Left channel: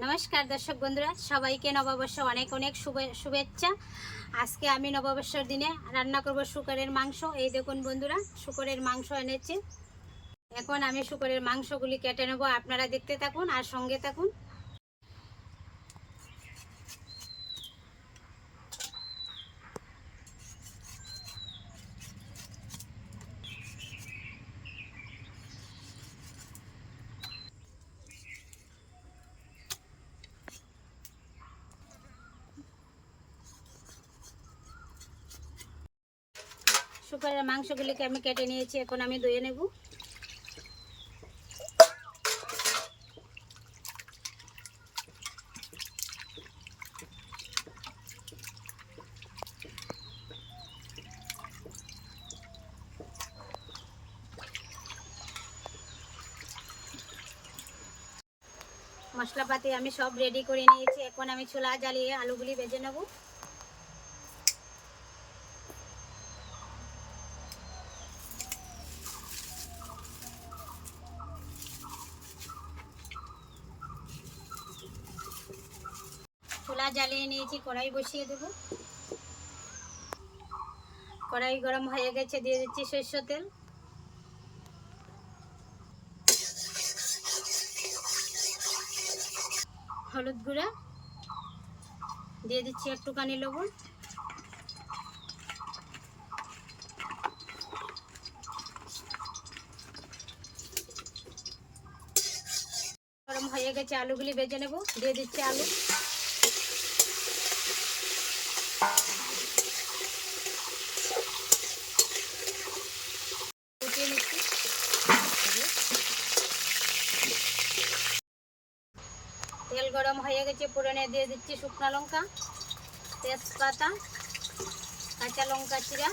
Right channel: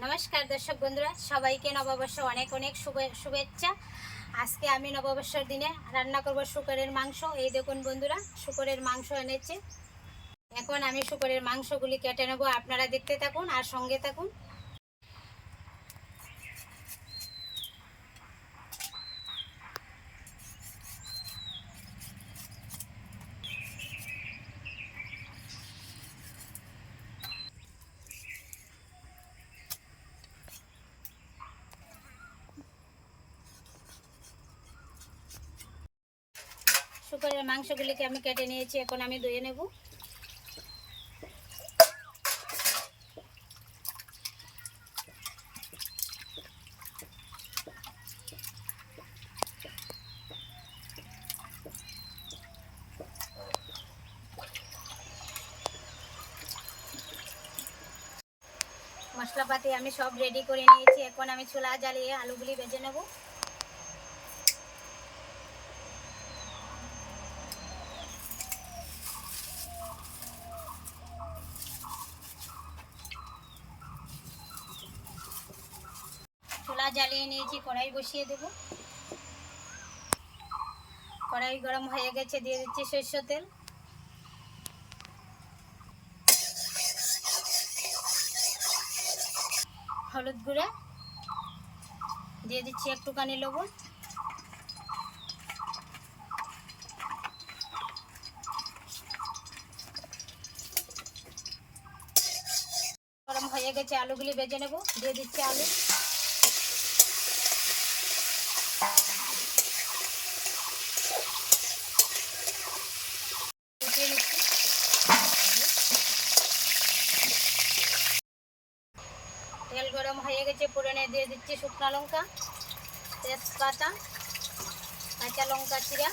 নমস্কার দর্শক বন্ধুরা, সবাইকে নববর্ষ অনেক অনেক শুভে- শুভেচ্ছা। আজকে আমি নববর্ষের দিনে রান্না করব শুকরের মাংস। এই দেখুন বন্ধুরা, শুকরের মাংস এনেছে। এখন আমি শুকরের মাংসগুলি কেটে নেব, আপনারা দেখতে থাকুন আর সঙ্গে থাকুন। শুকরের মাংসগুলিকে আমি কেটে নিয়েছি, এখন আমি ধুয়ে নেব। মশলাপাতি আমি সব রেডি করে নিয়েছি, এখন আমি ছোলা জ্বালিয়ে আলুগুলি ভেজে নেব। জ্বালিয়ে নিয়েছি, কড়াই বসিয়ে দেব। কড়াই গরম হয়ে গেছে, দিয়ে দিচ্ছি সরষ তেল। হলুদ গুঁড়া, দিয়ে দিচ্ছি একটুখানি লবণ। গরম হয়ে গেছে, আলুগুলি বেজে নেব, দিয়ে দিচ্ছি আলু ফুটিয়ে নিচ্ছি তেল গরম হয়ে গেছে, পুরনে দিয়ে দিচ্ছি শুকনো লঙ্কা, তেজপাতা, কাঁচা লঙ্কা চিরা,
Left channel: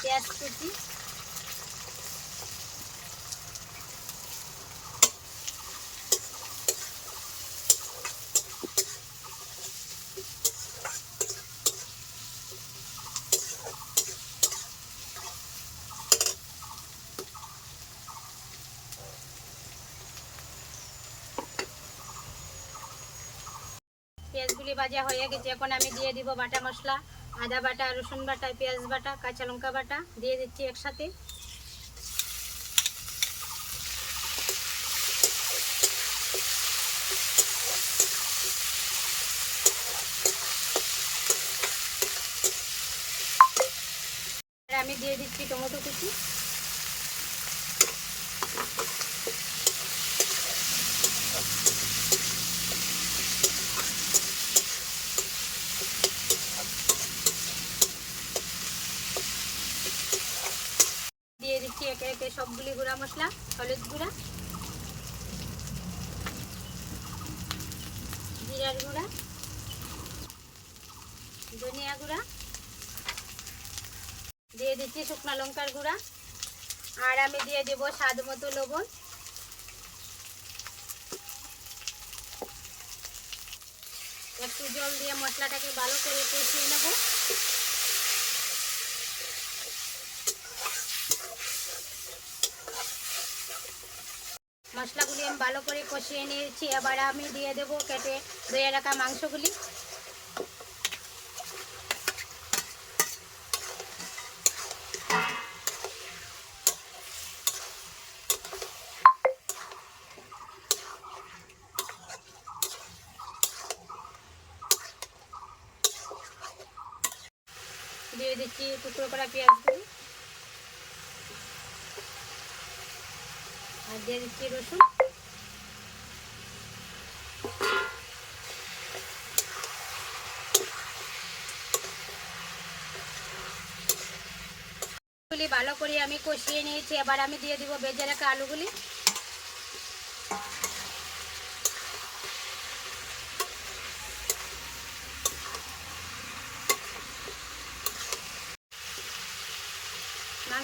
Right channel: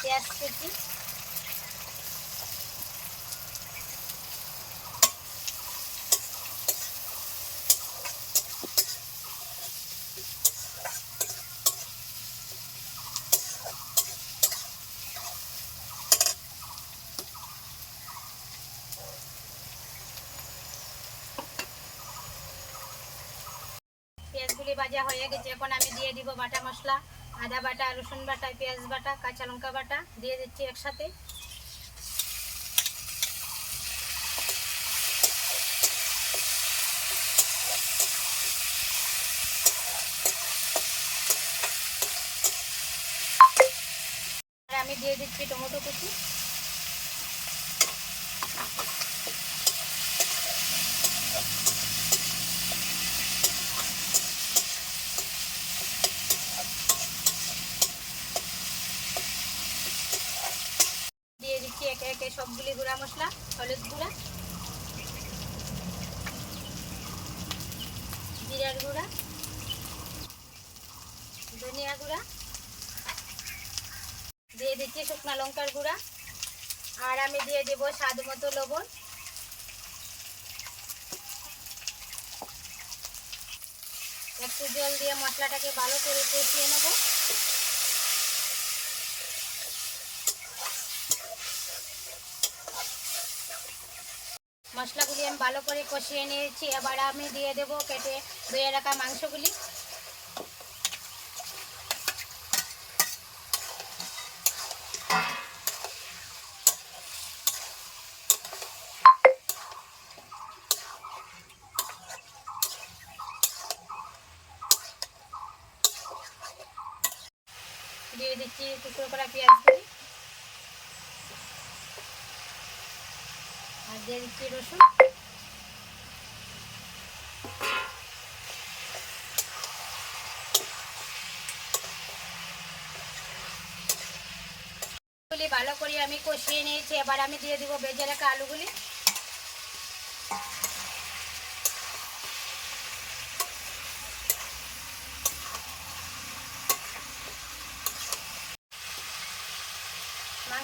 পেঁয়াজ কুচি পেঁয়াজগুলি ভাজা হয়ে গেছে। এখন আমি দিয়ে দিব বাটা মশলা, আদা বাটা, রসুন বাটা, পেঁয়াজ বাটা, কাঁচা লঙ্কা বাটা, দিয়ে দিচ্ছি একসাথে। আমি দিয়ে দিচ্ছি টমেটো কুচি দিয়ে দিচ্ছি একে একে সবগুলি গুঁড়া মশলা, হলুদ গুঁড়া, জিরার গুঁড়া, ধনিয়া গুঁড়া, দিয়ে দিচ্ছি শুকনো লঙ্কার গুঁড়া, আর আমি দিয়ে দেবো স্বাদ মতো লবণ। একটু জল দিয়ে মশলাটাকে ভালো করে কষিয়ে নেব। মশলাগুলি আমি ভালো করে কষিয়ে নিয়েছি। এবার আমি দিয়ে দেবো কেটে ধুয়ে রাখা মাংসগুলি। দিয়ে দিচ্ছি টুকরো করা পেঁয়াজগুলি। আর দিয়ে দিচ্ছি রসুন। ভালো করে আমি কষিয়ে নিয়েছি, এবার আমি দিয়ে দিব বেজে রাখা আলুগুলি।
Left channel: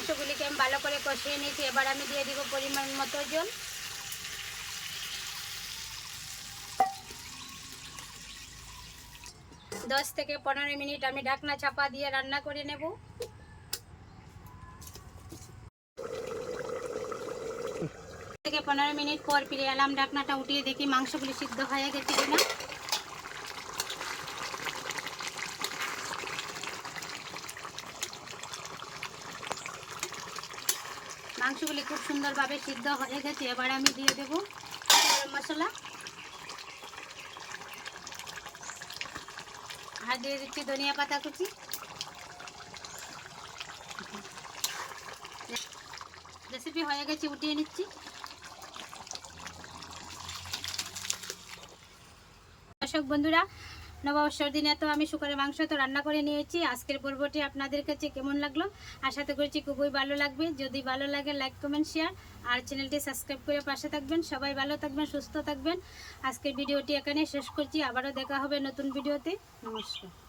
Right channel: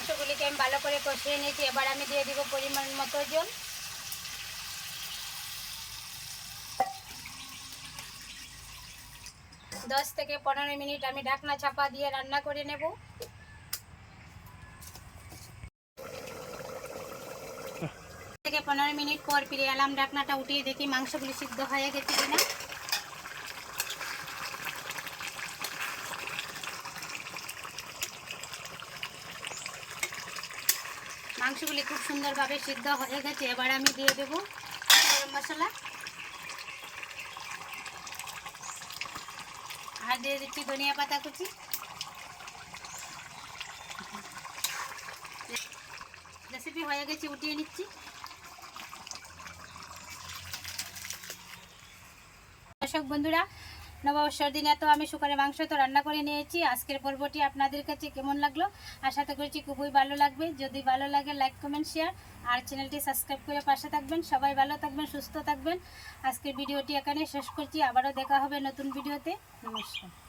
মাংসগুলিকে আমি ভালো করে কষিয়ে নিয়েছি। এবার আমি দিয়ে দিব পরিমাণ মতো জল। দশ থেকে পনেরো মিনিট আমি ঢাকনা চাপা দিয়ে রান্না করে নেব। থেকে পনেরো মিনিট পর ফিরে এলাম। ঢাকনাটা উঠিয়ে দেখি মাংসগুলি সিদ্ধ হয়ে গেছে কিনা। মাংসগুলি খুব সুন্দরভাবে সিদ্ধ হয়ে গেছে। এবার আমি দিয়ে দেবো গরম মশলা। আর দিয়ে দিচ্ছি ধনিয়া পাতা কুচি। রেসিপি হয়ে গেছে, উঠিয়ে নিচ্ছি। দর্শক বন্ধুরা নববর্ষর দিনে তো আমি শুকরের মাংস তো রান্না করে নিয়েছি। আজকের পর্বটি আপনাদের কাছে কেমন লাগল? আশা তো করছি খুবই ভালো লাগবে। যদি ভালো লাগে লাইক কমেন্ট শেয়ার আর চ্যানেলটি সাবস্ক্রাইব করে পাশে থাকবেন। সবাই ভালো থাকবেন, সুস্থ থাকবেন। আজকের ভিডিওটি এখানে শেষ করছি। আবারও দেখা হবে নতুন ভিডিওতে। নমস্কার।